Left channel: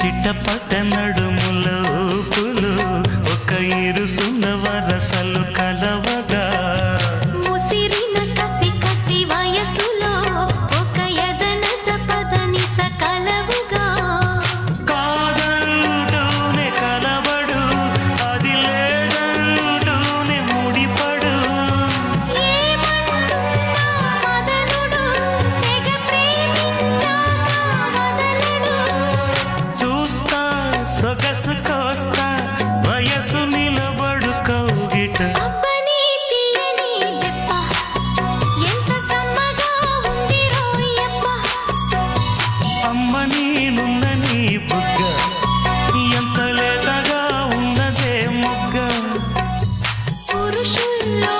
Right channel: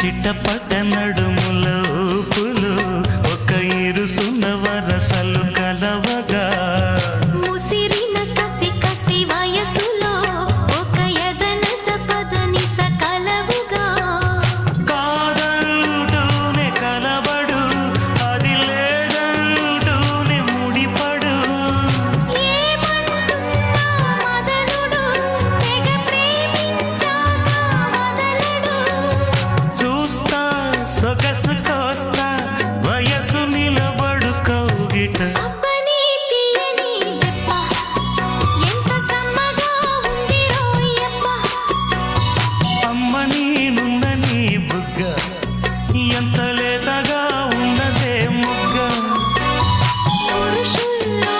చిట్టపట్ట నడుముల ఊపులు ఒక ఇరుసున్న వరసలు కలవగా ముసిరిన కసి కసి వయసులో ఒక యదన సపదని సకలవుగా కాదంటూనే కలబడు అది లేదంటూనే ముడిపడు ఏమంటున్నా మదనుడు తెగ ప్రేమించాక వదలడు చూస్తా సొగసు కోస్తా వయసు నిలబడు కౌగిట అబ్బని తీయని దెబ్బ ఎంత కమ్మగా ఉంది రోయప్ప అమ్మ నేనుందని బుగ్గ ఎంత లేతగా ఉన్నదే మొగ్గ పురుషుల్లో